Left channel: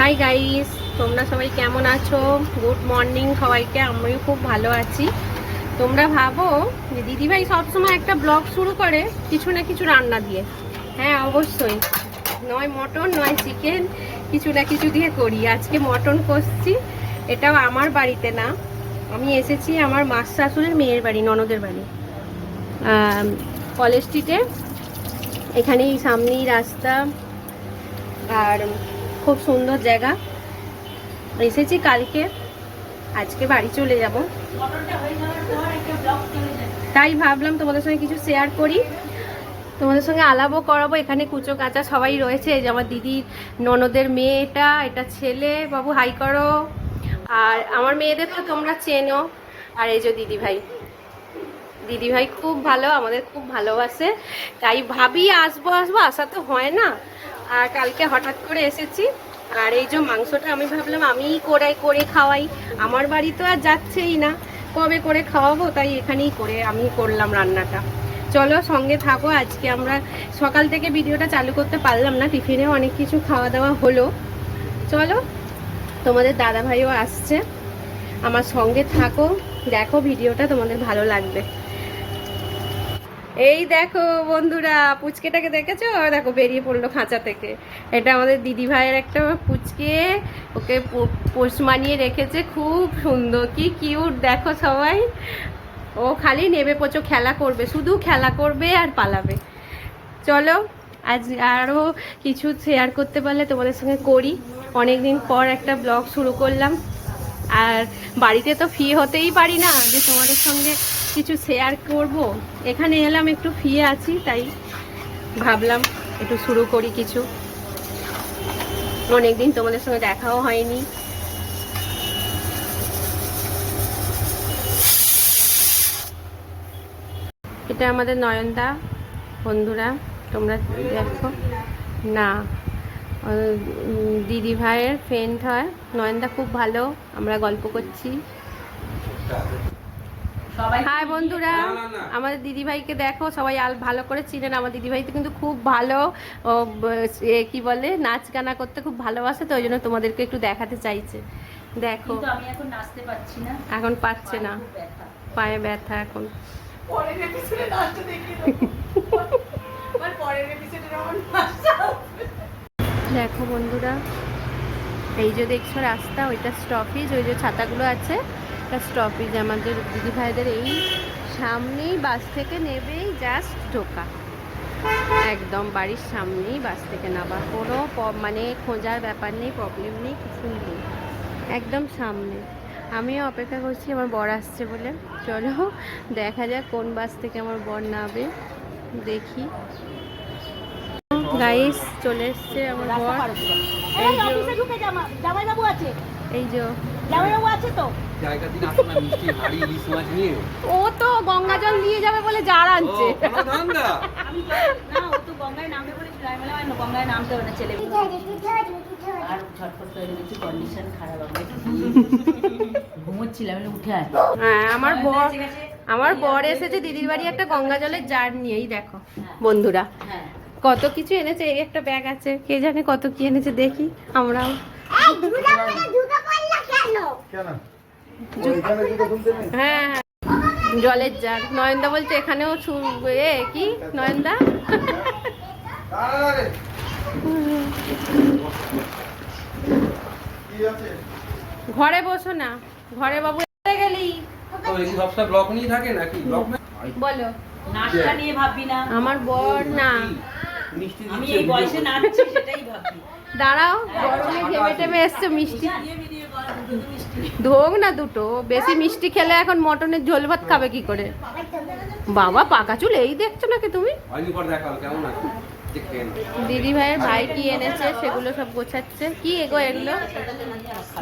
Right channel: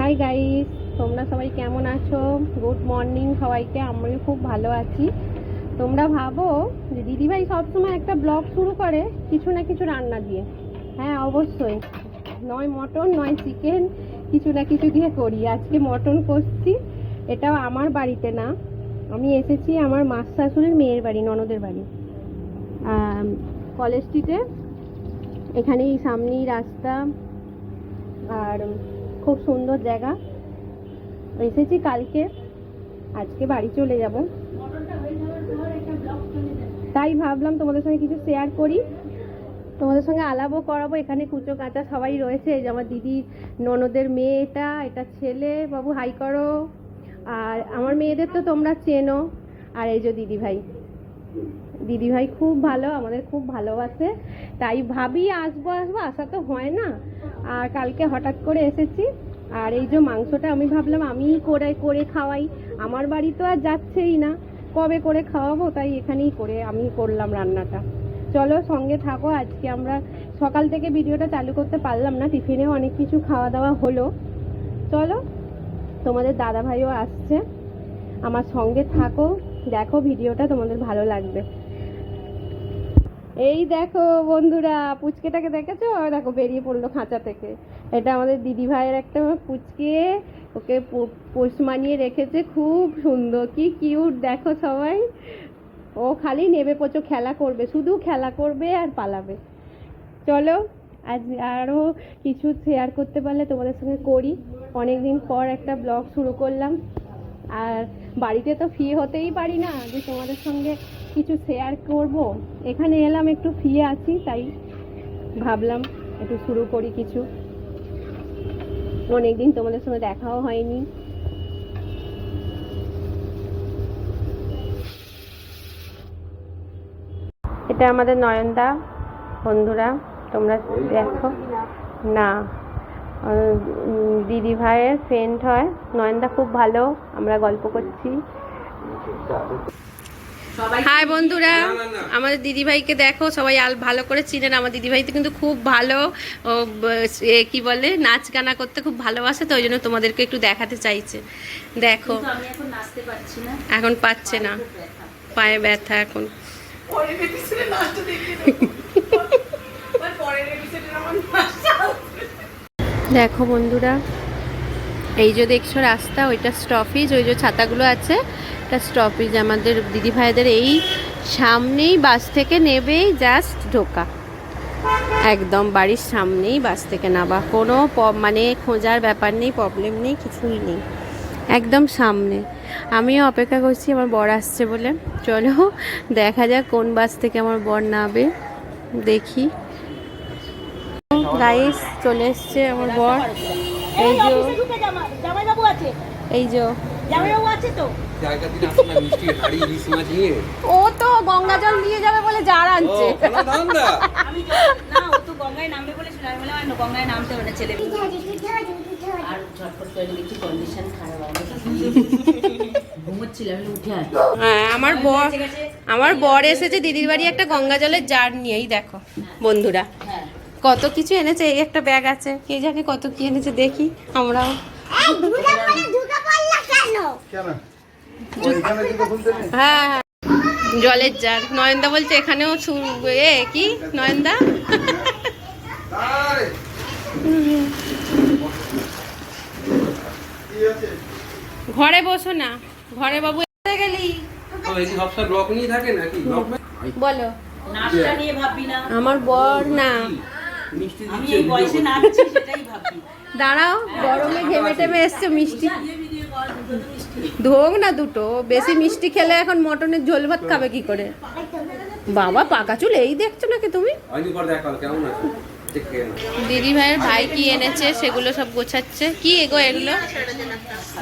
Hi guys, তোমরা সবাই কেমন আছো? গুড মর্নিং সবাইকে। আমিও খুব ভালো আছি। তোমরা ভাবো যে দিদিভাই সবসময় একটা ব্লগ শুরু করে কিছু না কিছু রান্না দিয়ে। হ্যাঁ, অবশ্যই, নয় মটন নয় চিকেন, কিছু না কিছু দিয়ে করি। আজকে মটন কষছি। এটাও আমার বাড়িতে না, আমি এসেছি আমার মাস শাশুড়ির মেয়ের বাড়ি, ননদের বাড়ি, কলেজ স্ট্রিটে। এখানেই সামনেই রাস্তা, আর খুব সুন্দর জায়গা। এসেছি কালকে, আজকে বাড়ি চলে যাব। তাই ভাবলাম তোমাদের সঙ্গে কিছু শেয়ার করি, তোমাদের সঙ্গে আলাপও করাবো। এখানে কুচো কাচা সবাই রয়েছে। এই যে আমার দিদির ননদের মেয়ে, এটা ছেলে, বাবু হাই করো। আর আমার মেয়েদের তো তোমরা চেনো। আর এই যে দিদিভাই খুব ভালো, আমাদের খুব ভালোবাসে। তাই ভাবি আসবো আসা তো হয় না। আর কালকে হঠাৎ করে এসেছি। আর এই যে মাংসটা আমি ভাবলাম আমিই করে খাওয়াই। আমার বাড়ি তো আর যাচ্ছেই না, কবে করে খাওয়াবো, তাই এখানেই আমি করলাম রান্নাটা। চলো সঙ্গে থাকো। আজকে আমরা সকাল থেকে ভিডিওটা চালু করতে পারলাম না, টিফিনেও অনেক কিছু খাওয়া দাওয়া হলো। চলো, তোমাদের দাদা ভাইও আসছে, আমার সঙ্গে থাকো, দেখো ভিডিওটা তোমাদের ভালো লাগবে। এই দেখো বন্ধুরা, পুচকেটাকে দেখেছো? দেখো বেরিয়ে পড়লো খাঁচা থেকে। এটা আমাদের দিদি ভাইয়ের একটা পুচকে, ওকে পোষ মানিয়ে রেখেছে, খুব সুন্দর, কি কিউট দেখো সবাই। ও খালি নেবে পোচো খেলা করবে, শুধু খেলা করবে আর পালাবে। চলো, আজ আরও কিছু শেয়ার করতে পারলে তোমাদের সঙ্গে করি। অনেকদিন পর একটা ব্লগ শুরু করলাম। আর বাড়িতে তো ফ্রি হতেই পারি না যে তোমাদের সঙ্গে কিছু শেয়ার করব। এখানে এলাম, একটু ফ্রি আছি, তাই ভাবলাম একটু শুরু করি কিছু। অনেকদিন তোমাদের সঙ্গে দেখাও হয়নি। এটা আমাদের নয়নদা, বন্ধুরা তোমরা দেখো না, দিদি ভাইয়ের ফ্রেন্ড হয়। নয়নদা খুব ভালো, আমরা গল্প করছি। হাই বন্ধুরা, আমাদের দিদিভাইকে দেখো, সবাই ভালো করে চিনেন। আমার দিদিভাই তো কিন্তু খুব ভালো, কি বলে, নাচ গানা করতে খুব ভালোবাসে, তো ওই জন্য তোমাদেরকে একটু দেখাতে চাইছে। দেখো, এখন পাচ্ছে না, পায়ে ব্যথা এখন। দেখো বন্ধুরা, এই যে দেখছো রাস্তা, ওইটা স্টপেজ, ওই যে ছাতাগুলো আছে, এটা স্টপেজ আমাদের দিদি ভাইদের। এই সামনেই বাস থেকে নেবেই জাস্ট ঢোকা, একদম বাড়ির সামনেই বাস থেকে নামা, কোনো মানে খোঁজার ব্যাপার নেই, প্রবলেম নেই, কিছুই নেই, একদম সামনে। আমিও অপেক্ষা করছি আমার বর আসছে বলে। চলো দেখা যাক কোন বাস থেকে আমার বর নামবে, দেখি। গাইস, চলে এসছে আমার বর। এই যে ও তো গঙ্গা জল নিয়ে যাবে বলে জার আনছে। হ্যাঁ, আমার বর এসেছে দিদির বাড়ি একটা গঙ্গা জলের জার নিয়েই। দেখো বন্ধুরা, কত কিছু এনেছে। এই একটা ব্যাগ আছে, কে জানে কত কি এনেছে, দেখি আমরাও। হ্যাঁ, জলের জার। নয়নদা বলছে এখানেও কি নয়নদা, ঘরে বসো না, ঘরে বাবু গেলি বলো। আমার বর না, দাঁড়াও, গরমে ঘেমে টেমে এসছে, মিষ্টি ধোক না দুটো। বেশি মিষ্টি খেলে এখন মটনের ঝোল ভাত খাবে কি করে? বাবা পাকা চুল, এই দেখছো নাকি তুমি? দিদি ভাইয়ের ভাই কি এনেছে সেগুলো সব গোছাচ্ছে। কি এগো এগুলো?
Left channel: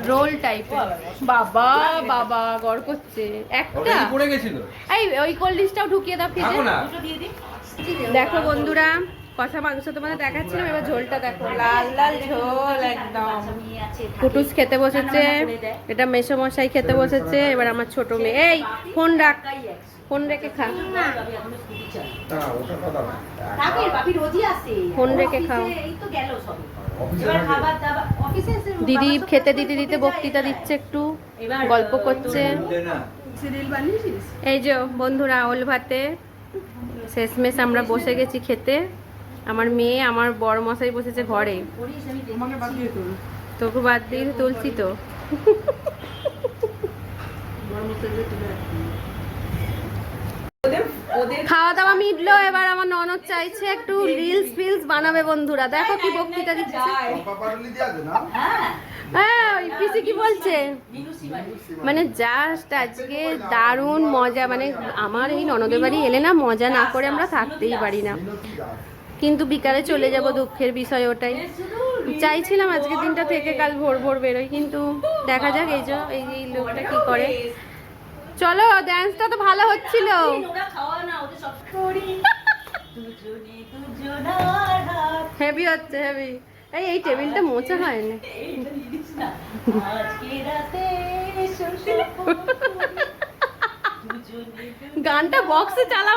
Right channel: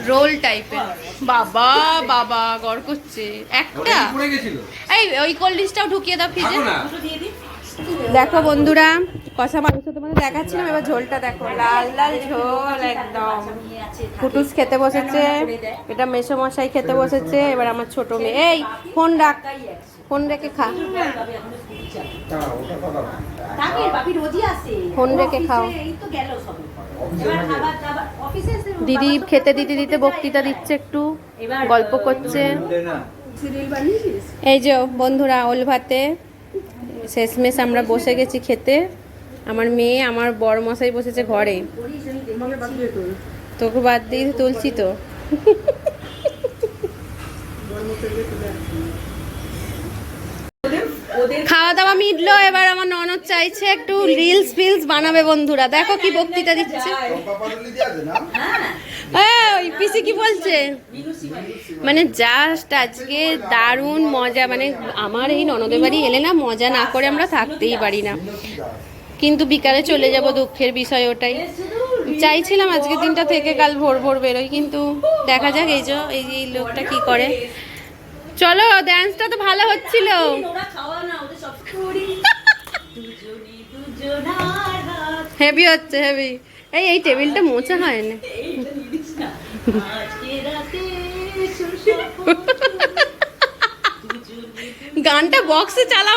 রোল টাইপের। বাবা বাবা গড় করছে একটা। এই ওই কোল্ড ড্রিঙ্কসটাও ঢুকিয়ে দাও ফ্রিজে। দেখো বন্ধুরা, কষা মাংস তোমাদের দেখাচ্ছিলাম, এবার ঝোলটা দেখো, লাল লাল ঝোল একদম। কুটুস খেতে বসেছে, এটা মেসোমশাই খেতে বসেছে, এবার আমার ছোট মেয়ে। এই ফোন রাখ, ফোন রেখে খা, ফোন রেখে খাও। দিদি খেতে দিতে দিতে বক্তৃতা দিচ্ছে, একটু গল্প করছে। এই যে বন্ধুরা, ওল ভাতে শেষমেশ আমরা বসে গেছি খেতে। আমার মেয়ে, আমার বড় মশাই বসেছে ঘরে, তোকে বাদ দিয়ে তুলছি তো। খাওয়া দাওয়া মিটলো, এবার আমার ননদ চাইছে একটু রিলস ফিলস বানাবে। বন্ধুরা দেখো কি বক্তৃতা দিচ্ছে। ওই পিসি কি বলছে, মানে জাস্ট আজকে দারুণ মজা। মানে আমার এই ননদের বাড়ি এলে না, মজা না করে আমরা থাকতেই পারি না। কিন্তু বিকালে চলে যাব, দুঃখের বিষয় ওটাই। চাইছিলাম আজকের দিনটা থেকে কাল ভোর ভোর বেরোই, কিন্তু দেখা যাক। এই যে এই লোকটা কি করে। চলো, ডান্সটা তো ভালো হচ্ছিল। হেভি হচ্ছে, হেভি। এই টেবিলটা মোছা হয় না। গানটা বক্সে চালাও।